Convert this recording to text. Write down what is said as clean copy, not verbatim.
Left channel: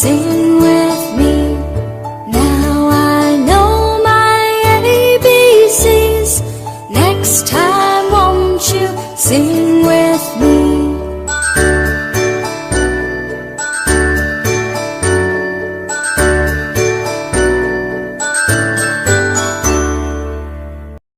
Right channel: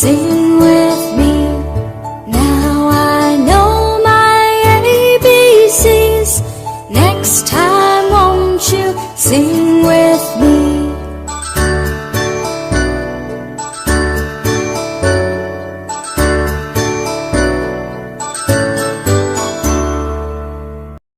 Sing with me. Now I know my ABCs. Next time won't you sing with me?